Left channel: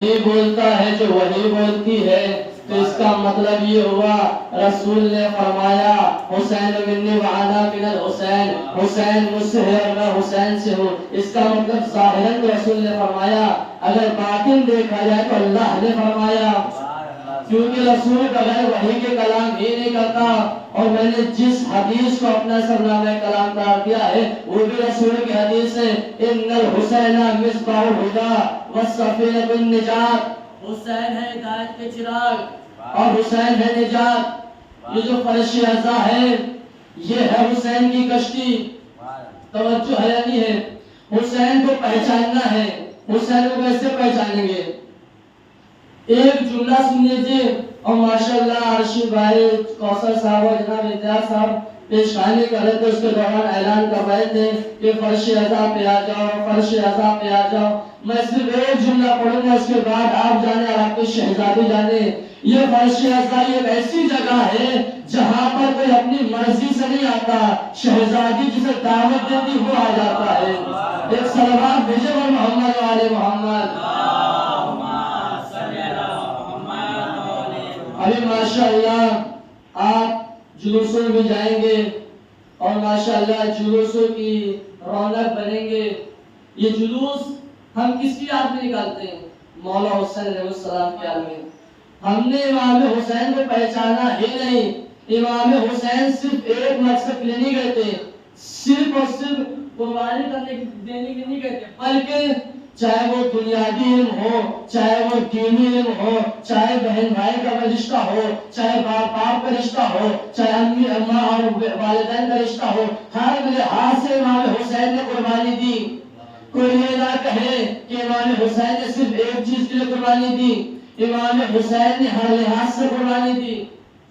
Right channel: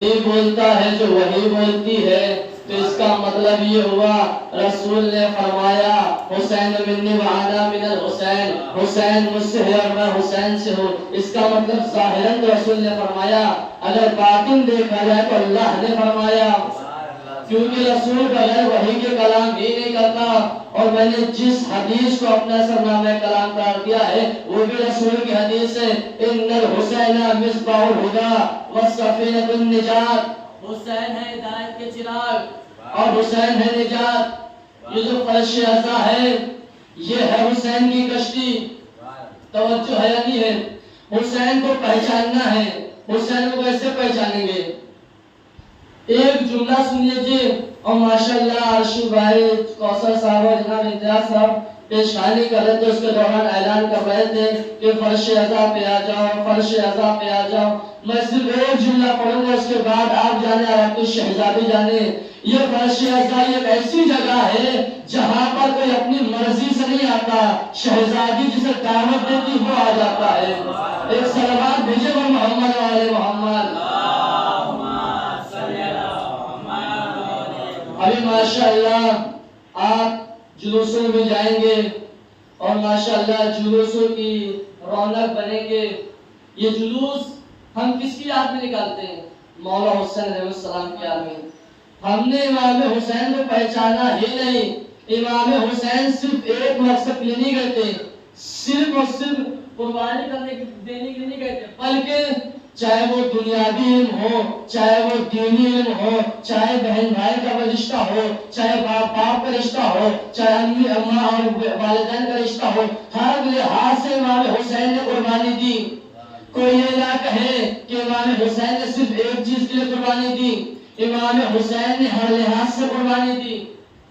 یہ بولتا ہے جو وہی بولتی ہے، تو اس کا مطلب یہ ہوا رسول نے فرمایا حسین منی وانا من الحسین، حسین مجھ سے ہے اور میں حسین سے ہوں۔ اس کا مطلب ظاہراً رسول نے فرمایا، اگر باطن دیکھا جائے تو اللہ نے فرمایا، کیونکہ رسول بغیر وحی کے کلام ہی نہیں کرتا۔ اور میں نے جس حدیث کو اپنا سرنامہ کلام قرار دیا ہے وہ بھی رسول کی حدیث ہے، ان الحسین مصباح الہدی والسفینۃ النجات، حسین ہے ہدایت کے چراغ اور حسین ہے نجات۔ یہ جو فرش اعضا ہے یہ ہے حسین کی کشتی۔ توجہ ہے یا نہیں ہے؟ حسین کو پہچاننا ہے، حسین کو کیسے پہچانیں گے؟ ایک جملہ سن لیجیے اور ماشاءاللہ عرشی بھائی کوثر صاحب اور جناب امتیاز صاحب پیشخانی کر رہے تھے، اس کے دوران اعلان کر رہے تھے کہ فرش اعضا پہ آ جاؤ، فرش اعضا پہ آ جاؤ۔ میں صرف ایک جملہ پڑھوں گا، اس کے بعد آپ جانے عرب کی شہزادی جانے۔ یہ فرش اعضا ایک ایسی جگہ ہے جہاں پر کوئی اپنی مرضی سے نہیں آتا، شہزادی جسے دعوت دیتی وہ آ جاتا ہے۔ ایک صلوات بھیجے گا محمد و آل محمد۔ ابھی ماشاءاللہ آپ جلوسوں میں جائیں گے اور ماشاءاللہ جلوسوں کی رونق بنیں گے۔ یہ جلوس ہم کس کی یاد میں نکالتے ہیں؟ مولا حسین علیہ السلام کی یاد میں۔ ہم نے امام حسین کو پہچانا ہی نہیں۔ امام حسین صرف ایک مقصد کے لیے نہیں گئے تھے، صرف اور صرف قربانی دینے کے لیے نہیں گئے تھے، بلکہ چاہے وہ دنیاوی علم ہو، چاہے وہ دینی علم ہو، چاہے بہن بھائی کا رشتہ ہو، چاہے باپ کا رشتہ ہو، چاہے امی اماں اور والدین کا رشتہ ہو، ہر لحاظ سے امام حسین نے قربانی دی۔ کوئی یہ نہ کہے کہ امام حسین نے صرف ایک چیز کے لیے قربانی دی، امام حسین نے ہر لحاظ سے قربانی دی۔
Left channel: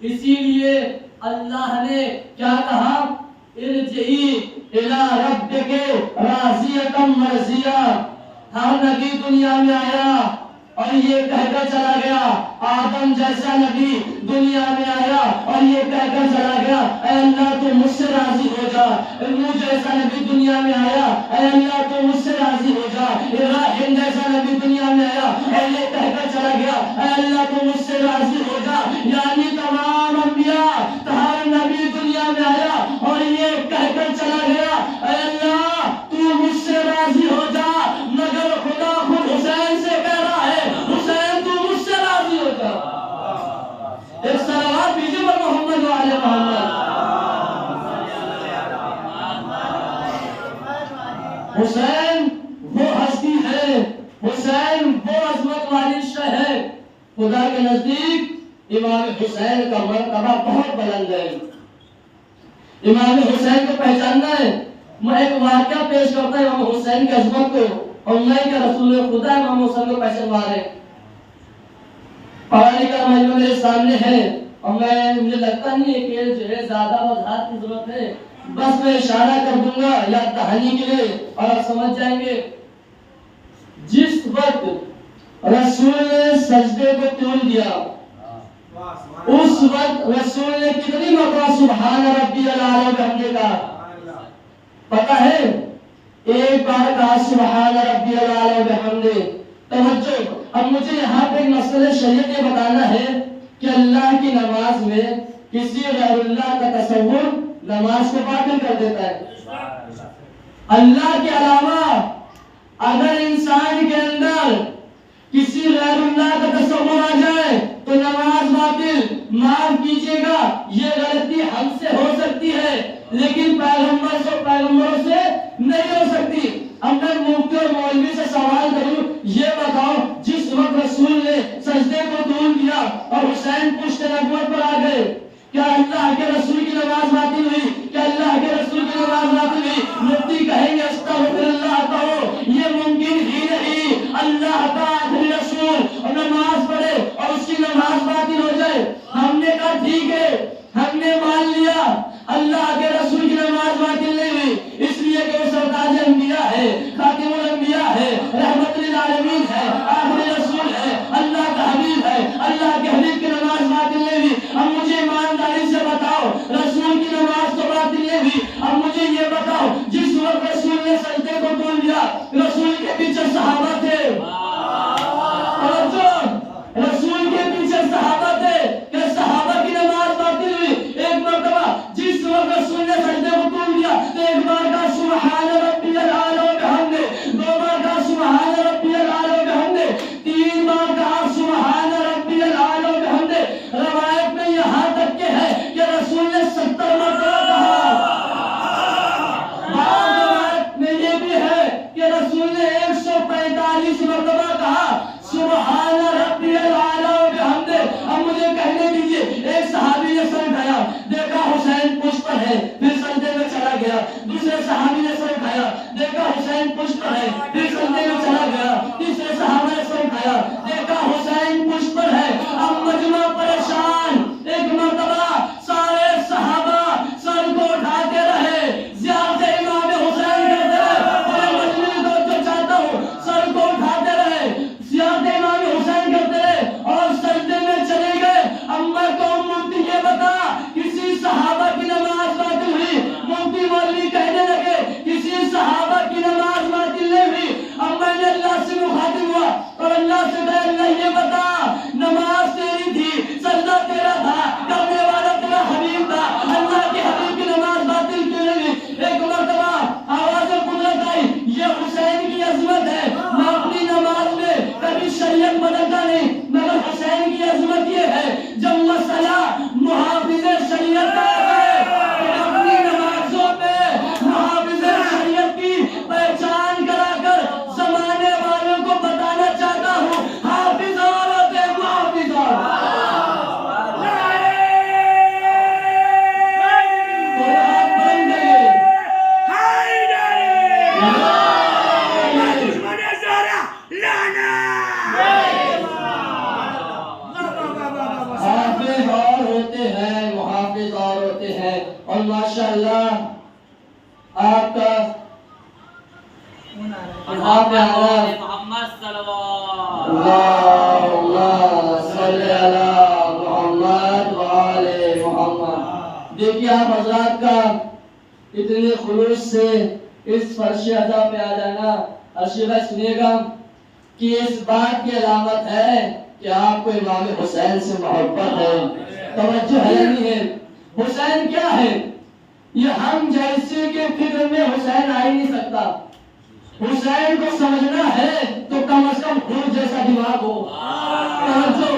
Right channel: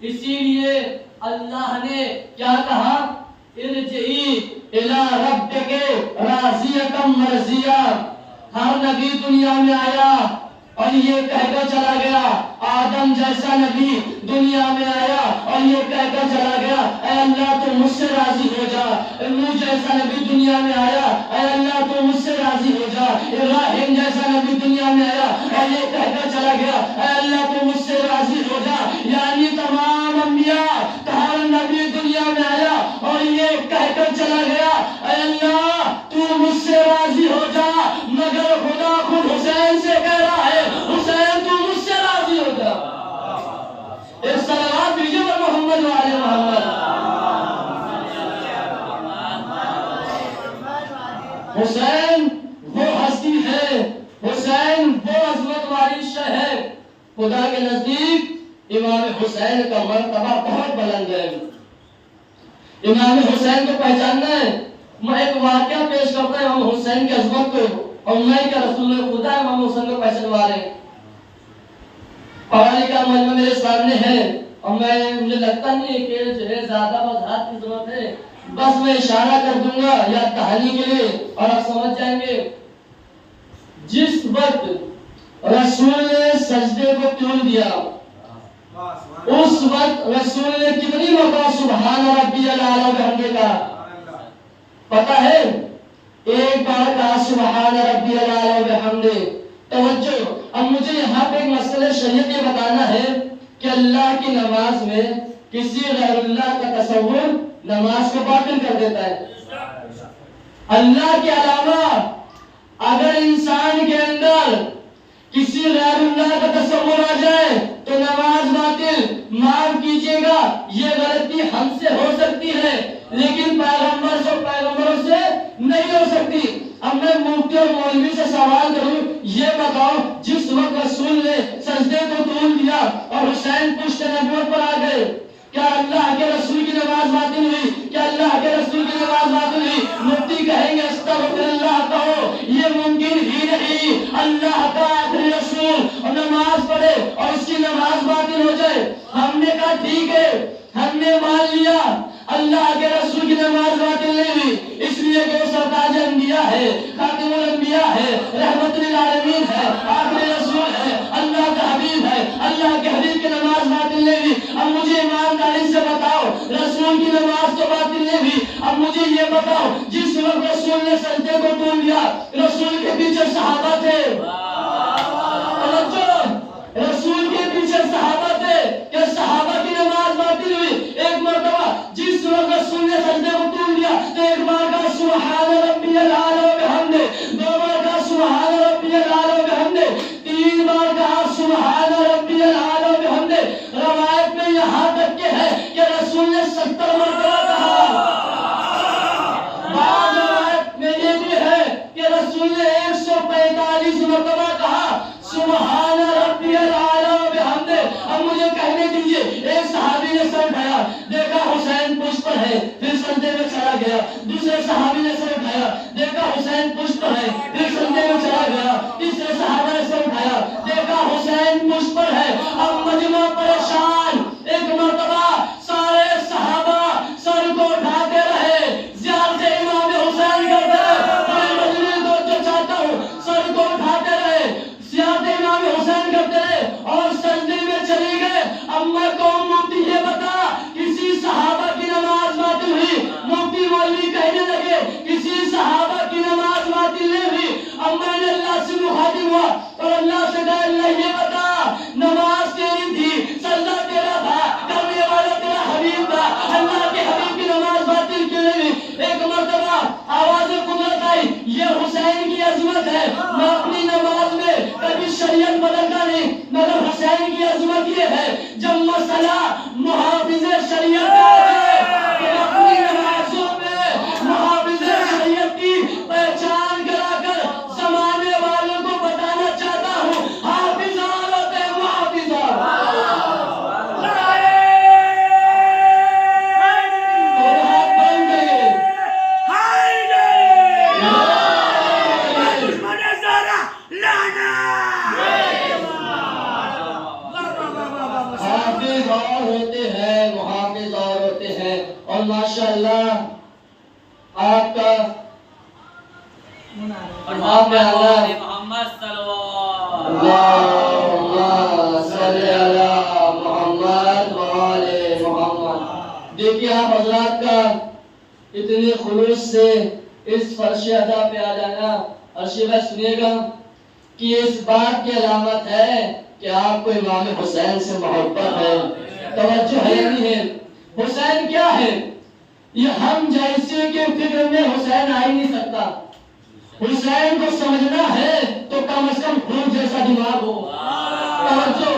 اسی لیے اللہ نے کیا کہا؟ ارجعی الی ربک راضیۃ مرضیہ۔ ہر نبی دنیا میں آیا اور یہ کہہ کر چلا گیا، آدم جیسا نبی دنیا میں آیا اور یہ کہہ کر چلا گیا، اے اللہ تو مجھ سے راضی ہو جا۔ نوح جیسا نبی دنیا میں آیا، اے اللہ تو مجھ سے راضی ہو جا۔ ابراہیم جیسا نبی دنیا میں آیا اور یہ کہہ کر چلا گیا، اے اللہ تو مجھ سے راضی ہو جا۔ یعنی تمام انبیاء ہر نبی دنیا میں آیا اور یہ کہہ کر چلا گیا، اے اللہ تو مجھ سے راضی ہو جا، مگر خدا خود حسین سے کہہ رہا ہے، حسین تو مجھ سے راضی ہو جا۔ ایک صلوات بھیجیے پر محمد و آل محمد۔ حسین وہ ہستی ہے، حسین وہ عظمت والی شے ہے۔ خدا کے نزدیک امام حسین کا مرتبہ بہت بلند ہے۔ امام حسین کو پہچاننا ہے۔ میں ایک واقعہ پیش کرتا ہوں امام حسین کی عظمت کو، اور میں کہ رسول خدا امام حسین کو پہچانوا رہے۔ پڑھا لکھا مجمع میرے سامنے ہے اور مجھے لگتا نہیں ہے کہ جو ہے زیادہ وضاحت کی ضرورت ہے، بس میں اشارہ کر دوں گا یاد دہانی کے لیے اور آپ سمجھ جائیں گے۔ جس وقت رسول نے سجدے کو طول دیا، اس وقت رسول نے کتنی مرتبہ سبحان ربی الاعلی بحمدہ کہا؟ پتہ ہے؟ ایک بار کہا سبحان ربی الاعلی بحمدہ۔ توجہ، اب مجھے یہاں پہ ایک مسئلہ شریعت یہ بتانا ہے کہ اللہ کی نماز میں کسی غیر اللہ کا تصور نماز کو باطل کر دیتا ہے۔ اللہ کے علاوہ اگر انسان کے اندر کسی غیر اللہ کا تصور آ جائے تو نماز باطل۔ معاف کیجیے گا یہ غلطی ہم سے ہو سکتی ہے لیکن پیغمبروں سے نہیں ہو سکتی۔ اب میں مفتی اور مولوی سے سوال کروں، یہ بتاؤ جس وقت رسول نے سجدے کو طول دیا اور حسین پشت نبوت پر آ گئے، کیا اللہ کے رسول کی نماز باطل ہوئی؟ کیا اللہ کے رسول کی نماز باطل ہوئی؟ مفتی کہیں گے استغفر اللہ کہو، یہ ممکن ہی نہیں۔ اللہ کا آخری رسول اور نماز پڑھے اور اس کی نماز باطل ہو جائے؟ ہم نے کہا ٹھیک ہے، ہم نے مان لیا اللہ کے رسول کی نماز باطل نہیں ہوئی، اس لیے کہ وہ سرتاج انبیاء ہے، خاتم الانبیاء ہے، رحمت للعالمین ہے، آخری رسول ہے، اللہ کا حبیب ہے، اللہ کے حبیب کی نماز باطل نہیں ہوئی۔ اب مجھے ایمانداری سے بتاؤ رسول کی نماز ایک صحابی نے سر اٹھایا، دیکھا حسین پشت پر ہے، پھر سجدے میں چلا گیا۔ دوسرے صحابی نے سر اٹھایا، دیکھا حسین پشت پر ہے، پھر سجدے میں چلا گیا۔ تیسرے صحابہ نے سر اٹھایا، دیکھا حسین پشت پر ہے۔ اب مجمع پریشان، ایک مرتبہ سارے صحابہ سر کو اٹھاتے رہے، زیارت امام حسین کرتے رہے۔ میں مجمع کو جو چاہتا ہوں، سر کو اٹھاتے رہے، زیارت امام حسین کرتے رہے اور سجدے میں چلے گئے۔ اب میں کہوں مفتی یہ بتا، کسی صحابہ کی نماز باطل ہوئی؟ مفتی مولوی کہنے لگے کسی صحابہ کی نماز باطل نہیں ہوئی۔ اب میں نے اللہ سے مخاطب ہوا اور اللہ سے کہا اللہ یہ بتا، نماز تیری تھی، سجدہ تیرا تھا، کرنے والا تیرا حبیب تھا، اللہ کے حبیب کی نماز باطل کیوں نہیں ہوئی؟ ایک مرتبہ آواز قدرت آئی، یہ حسین کی عظمت ہے، میں اپنی نماز میں کبھی شریعت بدلتا نہیں، مگر حسین کی عظمت یہ ہے جب مسئلہ محافظ شریعت کا ہے تو اپنی نمازوں میں محافظ شریعت کی پہچان کرا کر زمانے والوں کو بتانا چاہتا ہوں، حافظ اور ہوتے ہیں محافظ اور ہاتھ بند گئے۔ حافظ اور ہوتے ہیں، محافظ اور ہوتے ہیں، اور ماشاءاللہ آپ کا محمد صلوات اللہم صلی علی محمد وآل محمد۔ دیکھیے آپ حضرات کا اتنے خلوص سے اس فرش ادا پہ آ جانا، ارشد بھائی سنیے گا کہ اس بات کی علامت ہے کہ آپ کو امام حسین سے محبت ہے، توجہ ہے نہیں ہے۔ حسین کیا ہے؟ یہ ہم جیسے کے فکر میں حسین آ ہی نہیں سکتا۔ حسین کو سمجھنا ہے تو کم از کم خون جیسا دماغ ہو، توجہ۔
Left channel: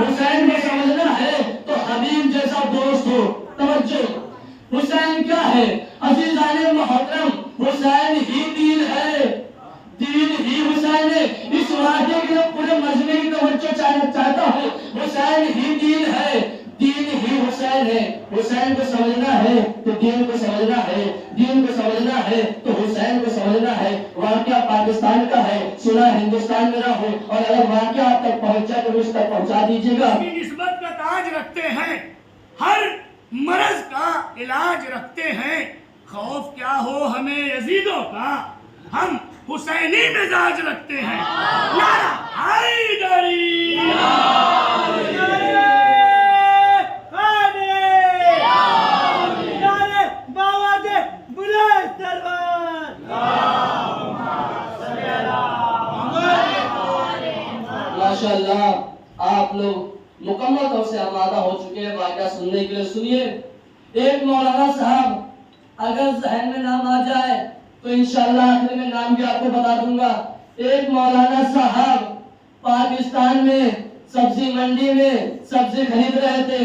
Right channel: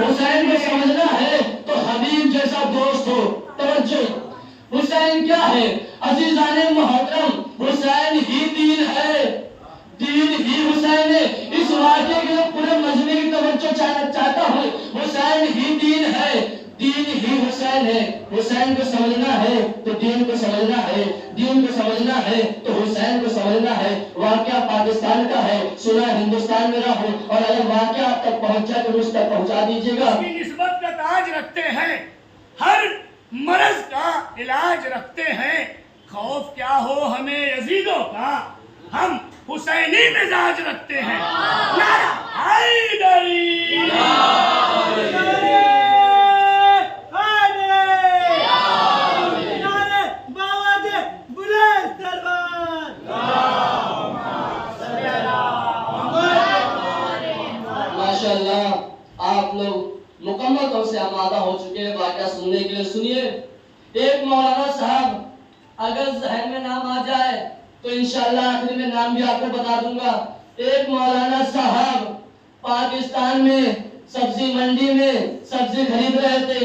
حسین کو سمجھنا ہے تو حبیب جیسا دوست ہو، توجہ۔ حسین کیا ہے؟ عزیزان محترم، حسین ہی دین ہے، دین ہی حسین ہے۔ اس واقعے کے لیے پورے مجمع کی توجہ چاہتا ہوں، حسین ہی دین ہے، دین ہی حسین ہے۔ حسین کو سمجھنا ہے تو دین کو سمجھنا ہے، دین کو سمجھنا ہے تو حسین کو سمجھنا ہے۔ واقعہ پاکستان کا ہے، سنا ہندوستان میں رہو، اور اگر واقعہ آپ تک پہنچ جائے تو اس تک پہنچا دیجیے گا۔ نسبت کا تاج رکھتے ہیں، ہر مرض کا علاج رکھتے ہیں، خوف کیا ہو ہمیں یزیدوں کا، ہم حسینی مزاج رکھتے ہیں۔ نعرہ حیدری، ماشاءاللہ آپ لوگ مکمل طور سے آمادہ ہو چکے ہیں واقعہ سننے کے لیے۔ سنیے، ایک مولانا صاحب اگر ذہن میں نام آ جائے تو انشاءاللہ آخر میں نام بھی آپ کو بتا دوں گا۔ ایک مولانا صاحب پاکستان میں سبزی منڈی میں سبزی خرید رہے تھے،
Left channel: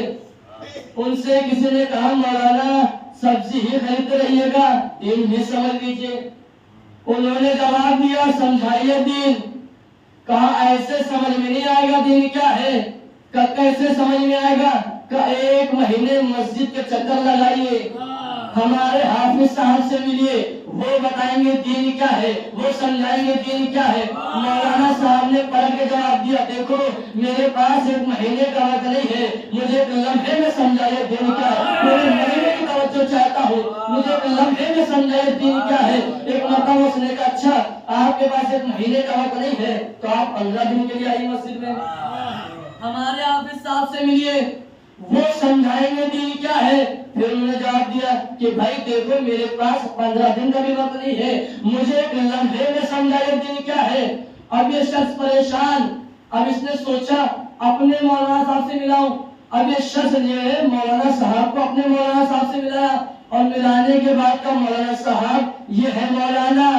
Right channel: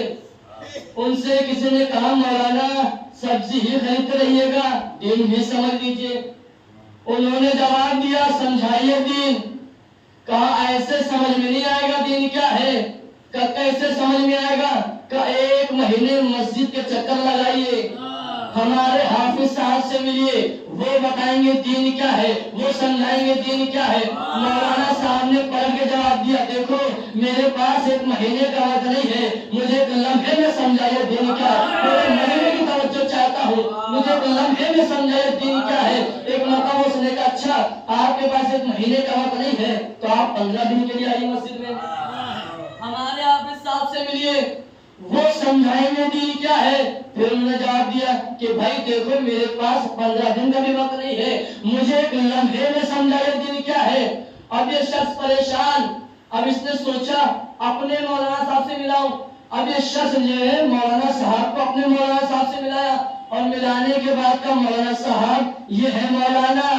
ان سے کسی نے کہا مولانا سبزی ہی خریدتے رہیے گا، دین بھی سمجھ لیجئے۔ انہوں نے جواب دیا سمجھائیے دین۔ کہا ایسے سمجھ میں نہیں آئے گا دین کیا ہے، کہ کیسے سمجھ میں آئے گا، کہ ایک مہینے مسجد کے چکر لگائیے، ہمارے حافظ صاحب سے ملیے، وہ بتائیں گے دین کیا ہے، وہ سمجھائیں گے دین کیا ہے۔ مولانا صاحب نے پلٹ کے جواب دیا دیکھو میرے پاس ایک مہینے کا وقت نہیں ہے، مجھے ایک لمحے میں سمجھائیے دین کیا ہے، میرے مہینے کی توجہ چاہتا ہوں، مجھے ایک لمحے میں سمجھائیے دین کیا ہے۔ ایک مرتبہ اس نے کہا اچھا آپ کے پاس ایک مہینے کا وقت نہیں ہے تو آپ 15 دن کے لیے آئیے مسجد میں، ہمارے حافظ صاحب سے ملیے، وہ سمجھائیں گے دین کیا ہے۔ پھر انہوں نے جواب دیا کہ بھائی دیکھو میرے پاس 15 دن کا بھی وقت نہیں ہے، مجھے ایک لمحے میں سمجھائیے دین کیا ہے۔ اب یہ شخص پریشان، اب اس نے سوچا اپنے مولانا صاحب سے ملاؤں۔ اب یہ شخص جو ہے مولانا صاحب کو اپنے مولانا صاحب سے ملایا، اور ملانے کے بعد کا مولانا صاحب یہ ہے مولانا،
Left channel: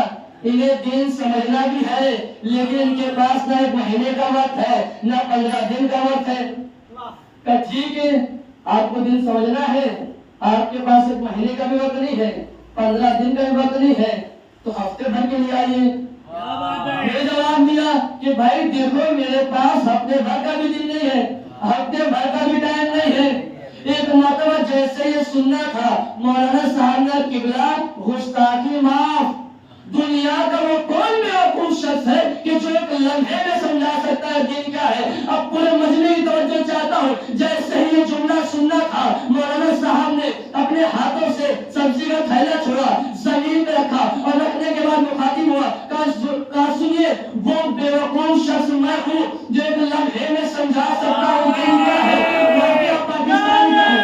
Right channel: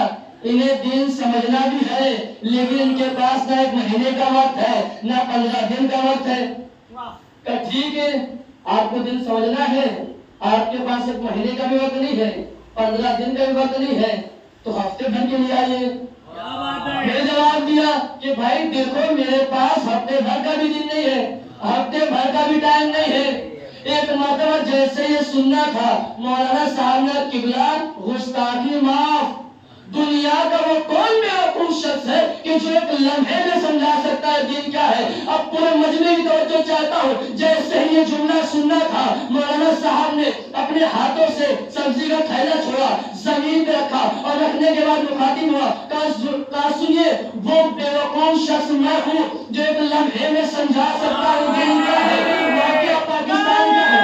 انہیں دین سمجھنا بھی ہے لیکن ان کے پاس نہ ایک مہینے کا وقت ہے نہ 15 دن کا وقت ہے۔ کہ ٹھیک ہے آپ کو دن سمجھنا ہے، آپ کے پاس ایک مہینے کا بھی وقت نہیں ہے، 15 دن کا بھی وقت نہیں ہے، تو ہفتے بھر کے لیے آئیے۔ میں جواب دیا کہ بھائی دیکھو میرے پاس ہفتے بھر کا بھی دن نہیں ہے، ہفتے بھر کا بھی ٹائم نہیں ہے. ایک مرتبہ جیسے یہ سننا تھا مولانا صاحب نے قبلہ گستاخی معاف. دنیا کا وہ کون بیوقوف شخص ہے کہ جو ایک لمحے میں سمجھا سکتا ہے دین کیا ہے. اب پورے مجمع کی توجہ چاہتا ہوں. جیسے ہی یہ جملہ سننا تھا مولانا صاحب نے اپنے ہاتھوں سے سبزی کا تھیلا چھوڑا, زمین پہ رکھا اور رکھنے کے بعد مخاطب ہوا, کہا سنیے وہ بیوقوف شخص میں ہوں جو ایک لمحے میں سمجھا سکتا ہوں دین کیا ہے, واقعہ پاکستان کا ہے.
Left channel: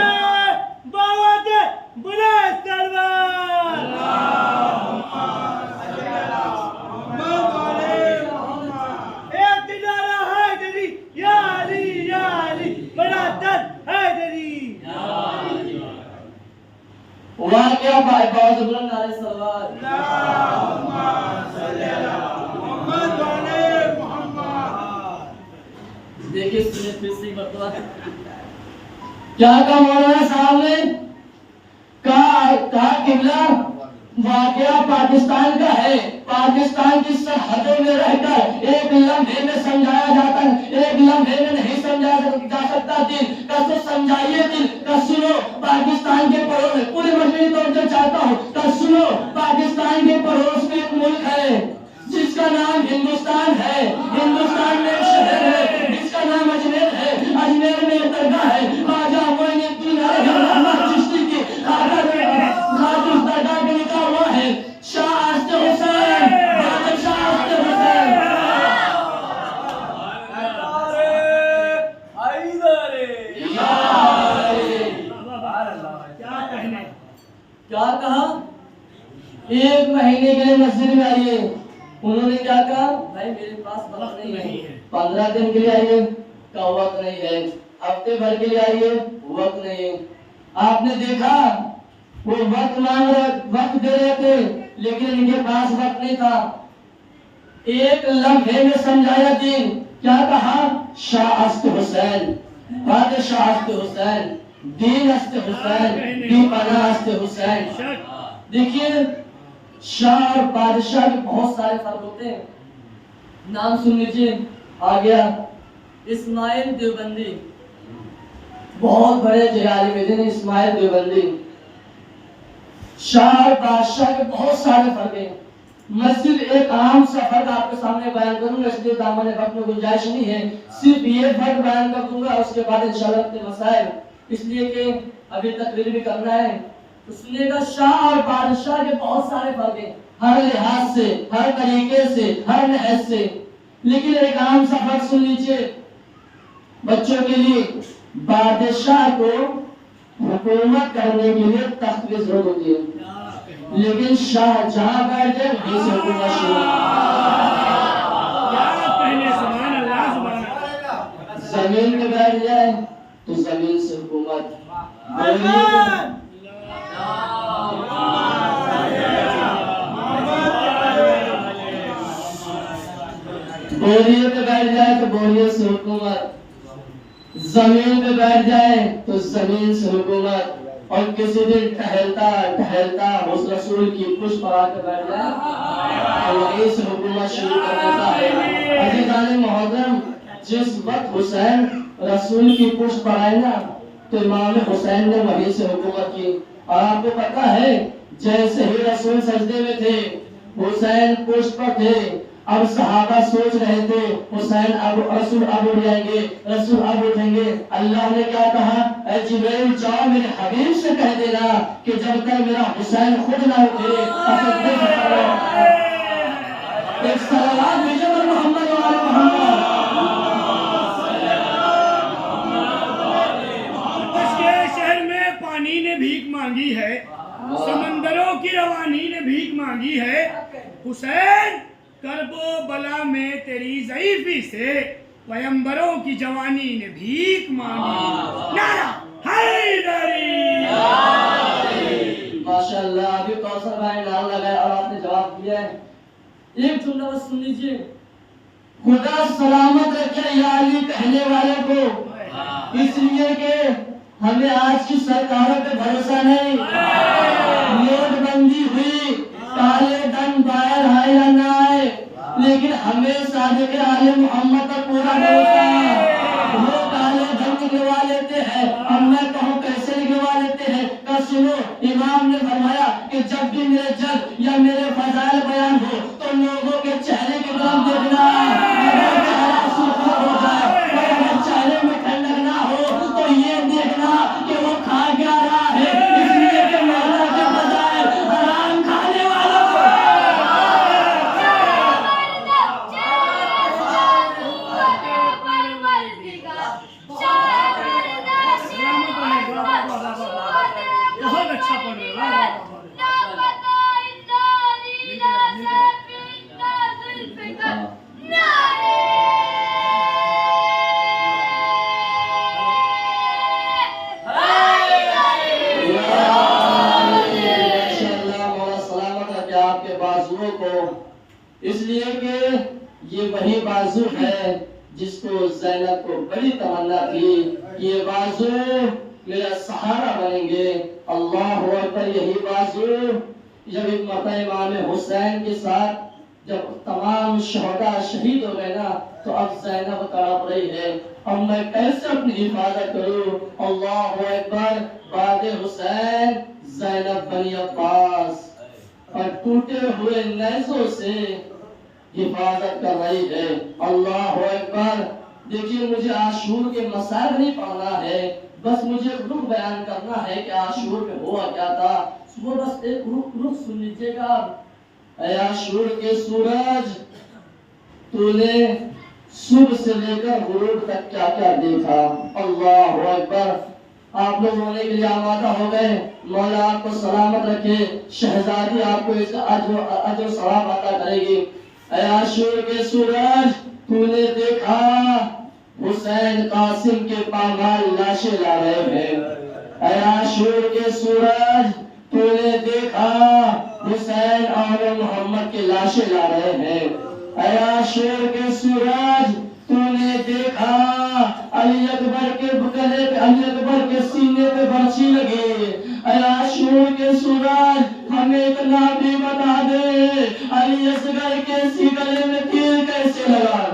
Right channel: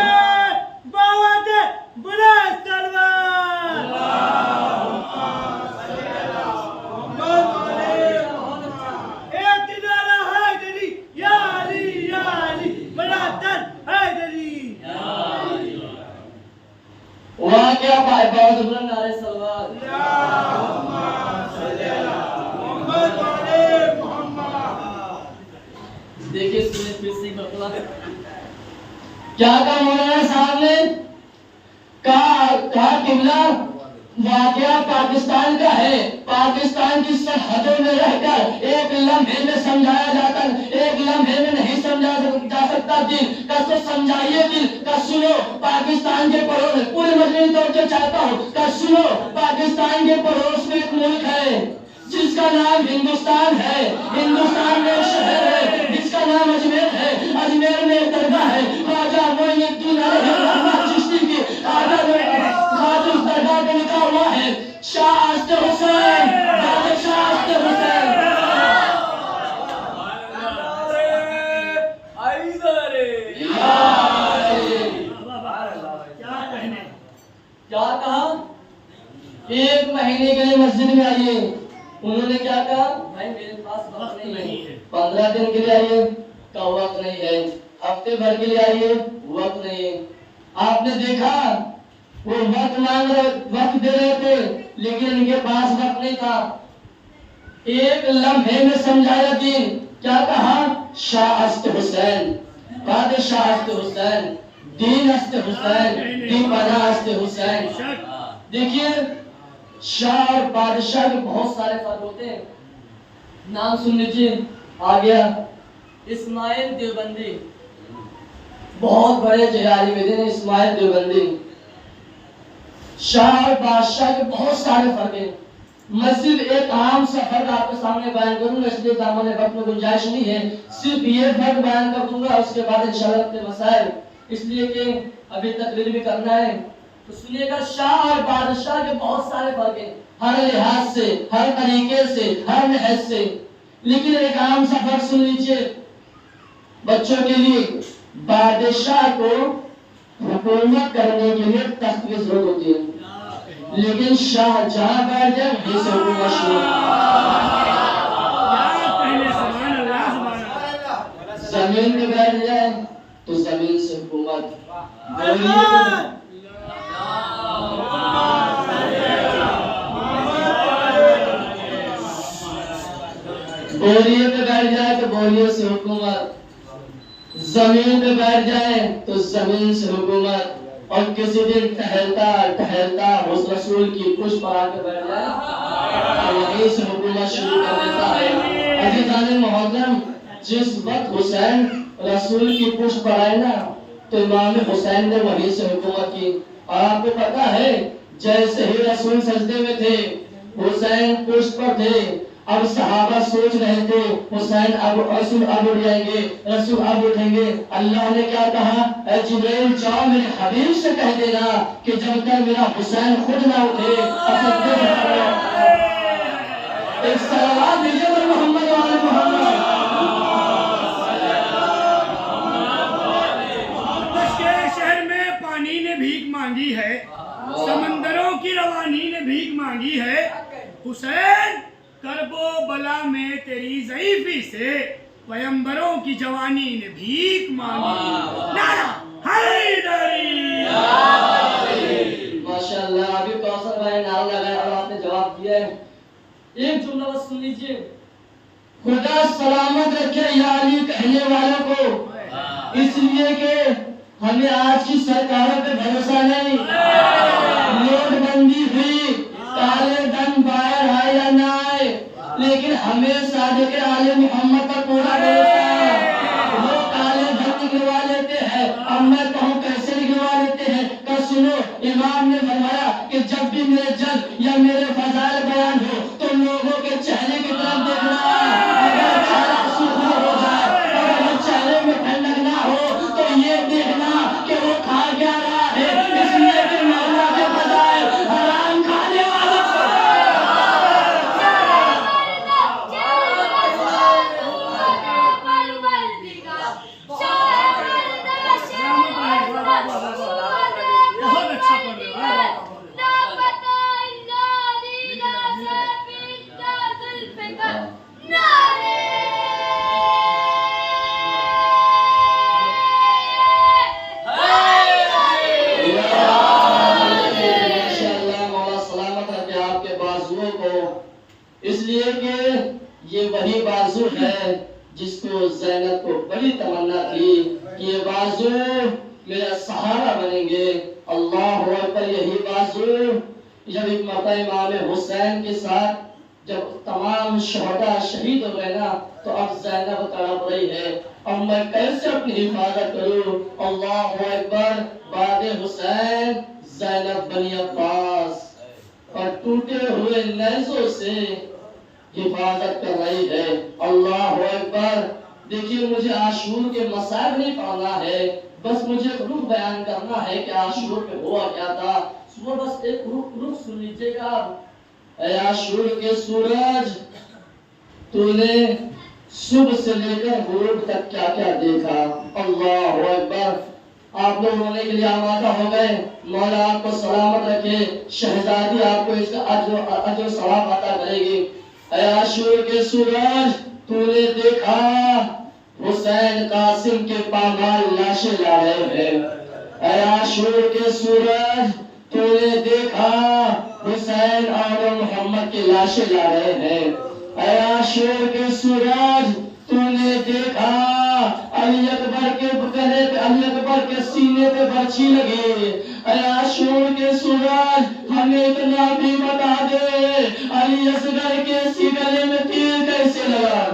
واقعہ بہت بلند نعرہ سلوات. دیکھیے سنیں پھر سے مرتبہ کیا کہا مولانا صاحب نے. کہا قبلہ واقعہ پاکستان کا ہے. پاکستان کی سرحدوں میں رہ کر ایک لمحے میں سمجھایا جاتا ہے, ایک لمحے میں نہیں سمجھا جا سکتا دل کا. تو سمجھائیے دل کا, سنو پاکستان کے پڑوس میں, پورے مجمع کی توجہ چاہتا ہوں کہ سنو پاکستان کے پڑوس میں ایک ملک ہے جس کا نام ہندوستان ہے. ہندوستان میں ایک شہر ہے جس کا نام اجمیر ہے. اجمیر میں ایک درگاہ ہے خواجہ معین الدین احمد چشتی کی. خواجہ اس درگاہ کا لکھا ہوا ہے شاہ عاشق حسین, بادشاہ عاشق حسین. کیا کہا؟ ایک مہینے کے لیے مسجد میں آئیے. انہوں نے کیا کہا؟ بھائی میرے پاس وقت نہیں ہے. 15 دن کے لیے آئیے, کا وقت نہیں ہے. ہفتے بھر کے لیے آئیے, وقت نہیں ہے. آپ نے دیکھا وہ وقت مانگ رہے, وقت دے رہے تھے لیکن ان کے پاس وقت نہیں تھا. ایک لمحے میں سمجھایا دین. کیا کہا؟ شاہ عاشق حسین, بادشاہ عاشق حسین, دین عاشق حسین, دی پناہ عاشق حسین. دیکھیے شاہ اور بادشاہ کے بہت سارے فرق ہوتے ہیں. نام سن لیجیے. آ گیا اسماعیل دیوبندی, بہت بڑے جہادی میں تھے اسماعیل دیوبندی. شاہ اور بادشاہ کے بہت سارے فرق ہیں. میں صرف ایک عام سا فرق آپ کے سامنے بیان کروں گا, اس لیے دامن وقت میں گنجائش نہیں ہے. صرف یہ فرق بیان کر دوں گا, اس کے بعد انشاءاللہ اپنے مسائل, اس لیے کہ ابھی تقریر بھی کرنا ہے. تو سنیے گا شاہ اور بادشاہ کے بہت سارے فرق ہیں, ہر لحاظ سے, ہر طریقے سے, ہر نحس سے. لیکن ایک عام سا فرق سن لیجئے بچوں کے لیے. بادشاہ کو حکومت کرنے کے لیے تخت کی ضرورت ہوتی ہے, لیکن شاہ جہاں بیٹھ جائے وہیں سے حکومت شروع. زمین پہ بیٹھ جائے تو زمین سے حکومت. بوریے پہ بیٹھ جائے تو بوریے سے حکومت. زمین پہ بیٹھ جائے تو زمین سے حکومت. اور کسی دن ٹہلتا ٹہلتا اس رسول کی پشت پر آ کے بیٹھ جائے تو وہیں سے حکومت شروع کر دیتا ہے. عزیزان محترم, جس وقت حسین رسول کی پشت پر آئے نا تو امام حسین نے وہیں سے حکومت کی. اور آپ کو پتا ہے جیسے ہی رسول سجدے میں تھے حسین پشت پر تھے. اب صحابہ سوچ رہے تھے حسین اب رسول اب اٹھ جائیں گے, رسول اب اٹھیں گے. اللہ نے کیا کہا, اے جبرائیل جاؤ میرے حبیب سے کہہ دینا کہ جب تک میرا حسین خود نہ اٹھے ایک صلوات دیجیے محمد و آل محمد. شہر میں پانی نے بھیک مانگی ہے, سمندروں کی روانی نے بھیک مانگی ہے. حسین کرب و بلا میں تیری ضعیفی سے پیمبروں کی جوانی نے بھیک مانگی. نعرہ حیدری. ماشاءاللہ, ابھی کوثر بھائی نعرہ لگایا اور آپ نے جواب دیا ہے. ایک جملہ بس سن لیجیے. خدا سلامت رکھے یا علی کہنے والوں کو, اس لیے کہ ہمیں آج کی سرکاروں پہ بھروسہ نہیں. نوٹ بندی ہوئی, کالے دن باہر آئے یا نہ آئے, لیکن ہمیں صادق آل محمد پر پورا بھروسہ ہے. وہ کالے دن فرمایا کہ جب بھی میرے جد یا میرے فضائل بیان ہو تو لوگوں کے چہرے کی طرف دیکھنا، اگر چہرہ سرخ ہو جائے اور اگر چہرے میں ٹھنڈک نہ ہو تو یہ دیکھنا کہ وہ کھا کیا رہا ہے، اس لیے کہ مولا کے بجائے حرام کھانے والوں بہت اچھا پڑھ رہے ہو، واہ واہ واہ۔ اس لیے کہ یہ وہی بازو ہے جس کو زینب کو بڑی تمنا تھی کہ یہ بازو میرا سہارا بنیں گے۔ اللہ اکبر، یہی بازو جب ایک مرتبہ امام حسین کے ساتھ جب تمام شہداء شہید ہو گئے نا تو اب زینب تڑپ رہی ہے، اب میں کیسے اپنی حفاظت کروں؟ اللہ اکبر، بعد حسین زینب بنی عباس اور ٹوٹے ہوئے نیزوں سے حفاظت کر رہی ہے۔ اللہ اکبر، دیکھیے مجھے عاشور کے مصائب نہیں پڑھنا ہے، بس مجھے رخ بیان کرنا ہے کہ عاشور میں ہوا کیا تھا۔ وہ بس ایک رخ سن لیجیے گا۔ اے عاشور کے سورج، تو نے صبح سے لے کر غروب تک کیا کیا دیکھا؟ اللہ اکبر، آپ لوگ رونے کے لیے آمادہ ہو گئے، مولا آپ کو سلامت رکھے، شہزادی آپ کو اس کا اجر و ثواب عطا کرے گی۔ اے عاشور کے سورج، تو نے دیکھا حسین قاسم کے پامال لاشیں لا رہے ہیں۔ اے عاشور کے سورج، تو نے دیکھا حسین اور محمد کی لاشیں لا رہے ہیں۔ اے عاشور کے سورج، تو نے دیکھا علی اکبر کے گلے پہ، علی اکبر کے سینے پہ برچھی لگی۔ اے عاشور کے سورج، ہمیں اتنا بھی بتا دے علی اصغر کے گلے میں تیر کیسے لگا؟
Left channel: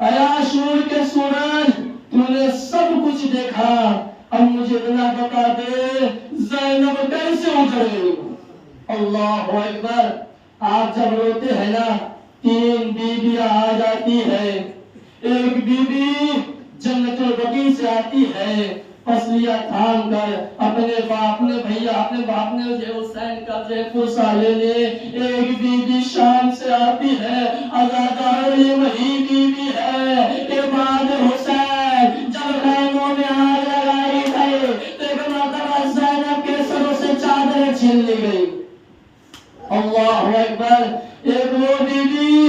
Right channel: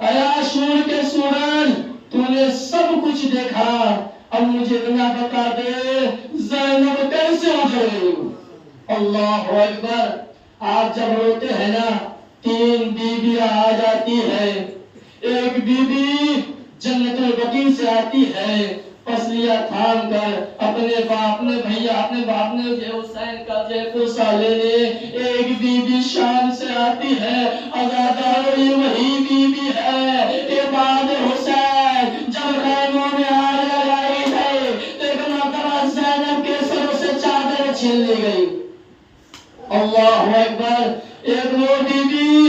اے عاشور کے سورج، تو نے سب کچھ دیکھا، اب مجھے اتنا بتا دے زینب کیسے اجڑی؟ اللہ اکبر، آپ جب روتے ہیں نا 3 بیویاں آ جاتی ہے، ایک بیوی جنت البقیع سے آتی ہے پسلیاں تھام کر اپنے باپ نے بھیا اپنے باپ نے حسین کا پرسا لینے، ایک بیوی شام سے آتی ہے عزادار، یہ وہی بیوی ہے کہ بعد حسین جب خیموں میں آگ لگائی گئی تو ایک مرتبہ زینب کے سروں سے چادریں چھین لی گئی۔ اللہ اکبر، ایک وہ بیوی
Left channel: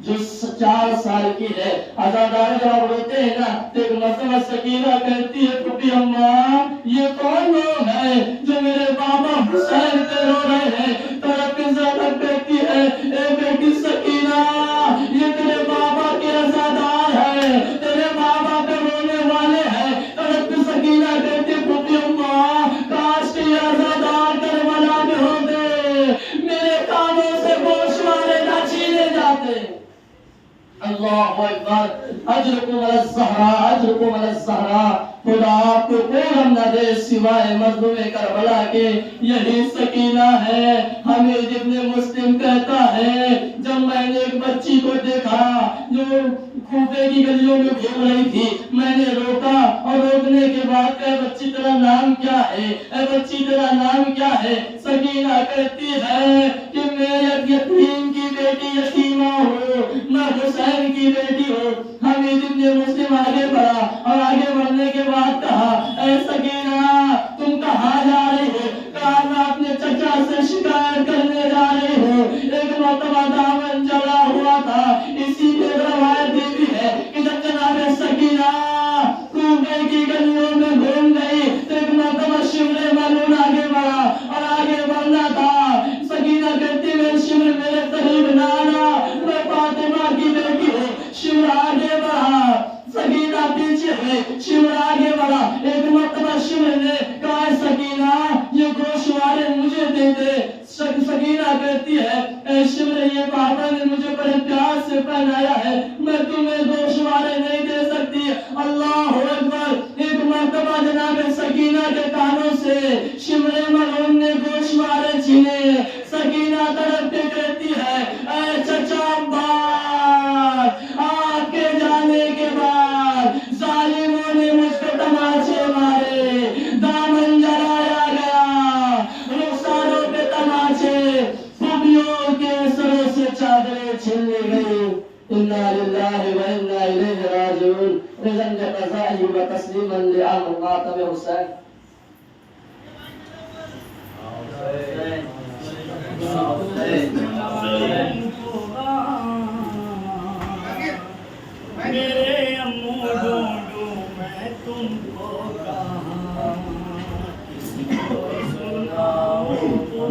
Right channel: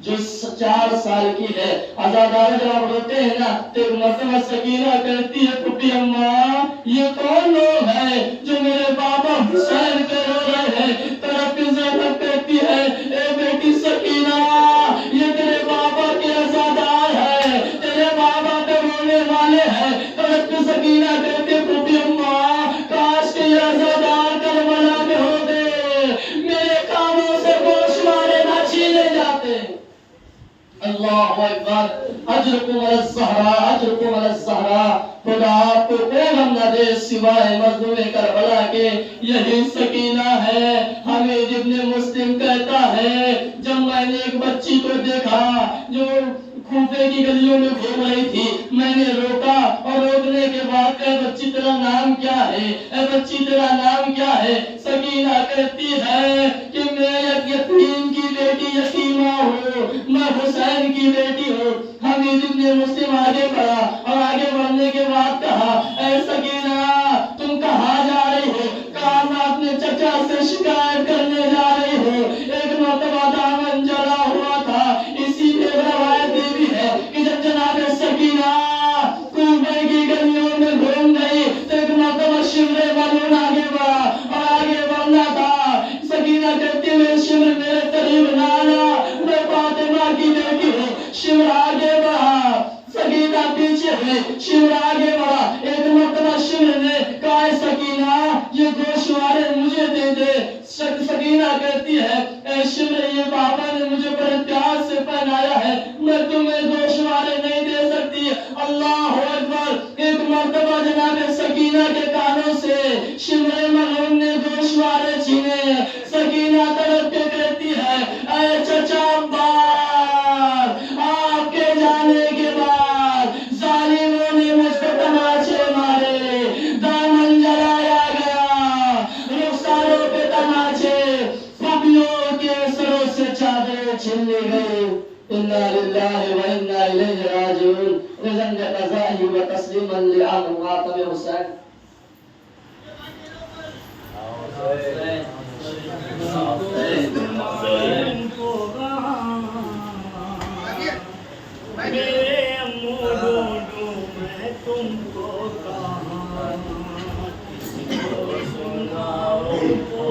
جو 4 سال کی ہے، عزادار جب آپ روتے ہیں نا تو ایک مرتبہ سکینہ کہتی ہے پھپھی اماں یہ کون لوگ ہیں جو میرے بابا حسین پہ رو رہے ہیں؟ طرف زینب کہتی ہے اے بیٹی سکینہ، یہ تیرے بابا کے عزادار ہیں، تیرے بابا پہ رونے والے ہیں۔ طرف سکینہ کہتی ہے پھپھی اماں کاش کے یہ عزادار کربلا میں ہوتے، میرے کانوں سے گوشوارے نہ چھینے جاتے۔ اللہ اکبر، اجرکم علی الزہراء، اجرکم علی الزہراء، خدا آپ کو کوئی غم نہ دے سوائے مظلوم کربلا کے۔ یہی سکینہ ہے، حمید ابن مسلم کہتا ہے جب میں نے ایک بچی کو دیکھا جو کوفے کی گلیوں میں گھوم رہی تھی، میں نے روکا اور روکنے کے بعد کہا بچی تیرا نام کیا ہے؟ اے بچی تیرا نام کیا ہے؟ سکینہ کہتی ہے کہ میں ایک یتیم کی بیٹی یتیمہ ہوں، میں حسین کی بیٹی ہوں۔ حمید ابن مسلم آگے بڑھا اور آگے بڑھنے کے بعد کہا اے سکینہ تم کہاں جا رہی ہو؟ کہا میں اپنے چچا سے شکایت کرنے جا رہی ہوں، ایک مرتبہ دامن جلا ہوا تھا۔ اسی پہ روایت بھی ہے کہ جب جناب سکینہ کوفے کی گلیوں میں گھوم گئی تو ایک مرتبہ شمر ملعون آگے بڑھا اور آگے بڑھنا تھا۔ سکینہ کہتی ہے شمر میرے قریب نہ آنا، میں فاطمہ کی بیٹی ہوں۔ شمر آگے بڑھا، سکینہ پیچھے ہوئی، شمر آگے بڑھا۔ ایک مرتبہ شمر نے کہا سکینہ یہ گوشوارے مجھے دے دے۔ سکینہ کہتی ہے اے شمر یہ بابا نے مجھے بڑے پیار سے پہنایا ہے، میں تمہیں گوشوارے نہیں دے سکتی۔ اللہ اکبر، ایک مرتبہ جناب سکینہ کے کانوں سے شمر ملعون نے رضا بقضائه وتسليما لأمر ماتم حسین. میرے امو ڈھونڈوں میں تم کو